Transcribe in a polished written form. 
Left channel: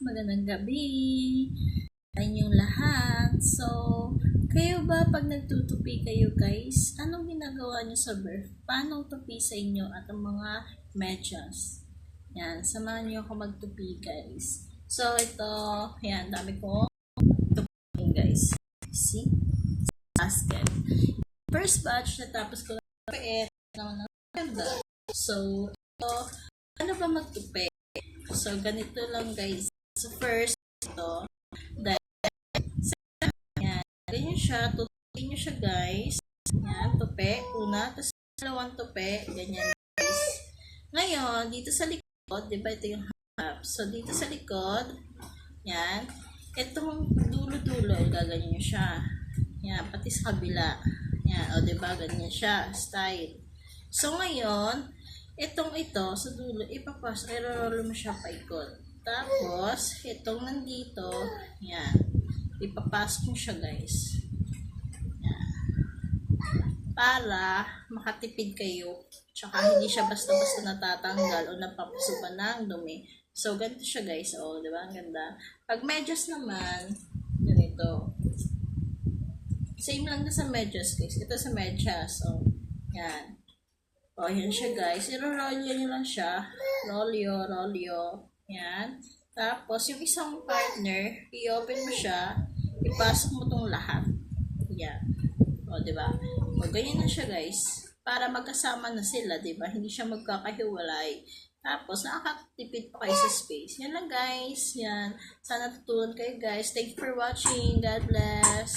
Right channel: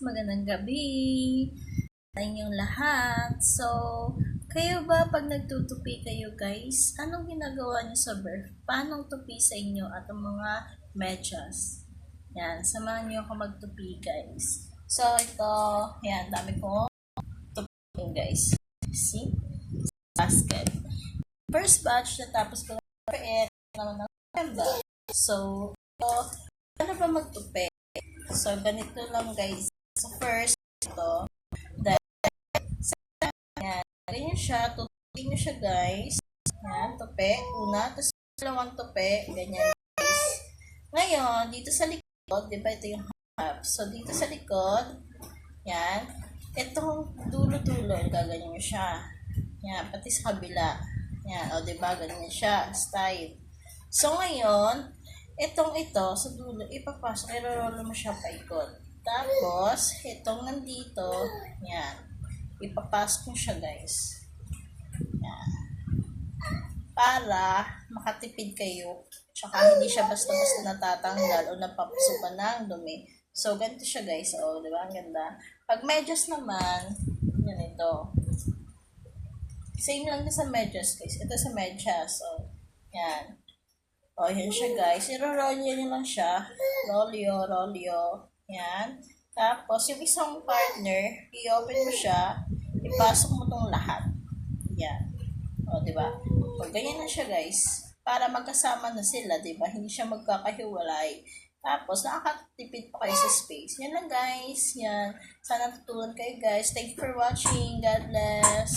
magandang gabi sa inyong lahat. So, kayo ba pag nagtutupi kayo guys, anong ginagawa nyo sa birth? Paano tupi sa inyo at ang mga medyas? Yan, samahan nyo ako magtupi guys. So, ito, yan, dami ko tupi guys. See? Basket. First batch, natapos ko na naman ng November. So, ito, ano ba magtupi? So, ganito lang guys. So, first, ito, dahil, yan, ganyan siya, tutupi nyo siya guys. Yan, tupi, una, tapos dalawang tupi, ganyan guys. Ngayon, dito sa likod, di ba ito yung half? So, dito sa likod, yan, itong dulo-dulo, gaganyan nyo siya. Yan, pati sa kabila. Yan, o di ba ganyan siya, style. So, ngayon, ito, sa dulo, ipapasok, i-roll mo siya paikot. Tapos, itong nandito, yan, ipapasok mo siya guys. Yan. Para makatipid kayo, tsaka hindi siya basta-basta natatanggal o napapasukan ng dumi. So, ganito siya guys, o, diba? Ang ganda. Pag medyas naman, yan ito. Same lang sa medyas guys. Ito sa medyas, o, yan. O, yan siya guys. I-roll nyo lang siya. Rolyo. Yan. Tapos, yung isang partner, i-open mo siya. Ipasok mo tong lahat. Yan. O, diba? O, ganyan na siya guys. Para magkasama na sila, diba? Hindi siya magkakahiwalay. Tapos, nakakatipid pa kayo sa space. Yan lang guys. Yan. Sana tutunan kayo guys. Thank you for watching. God bless.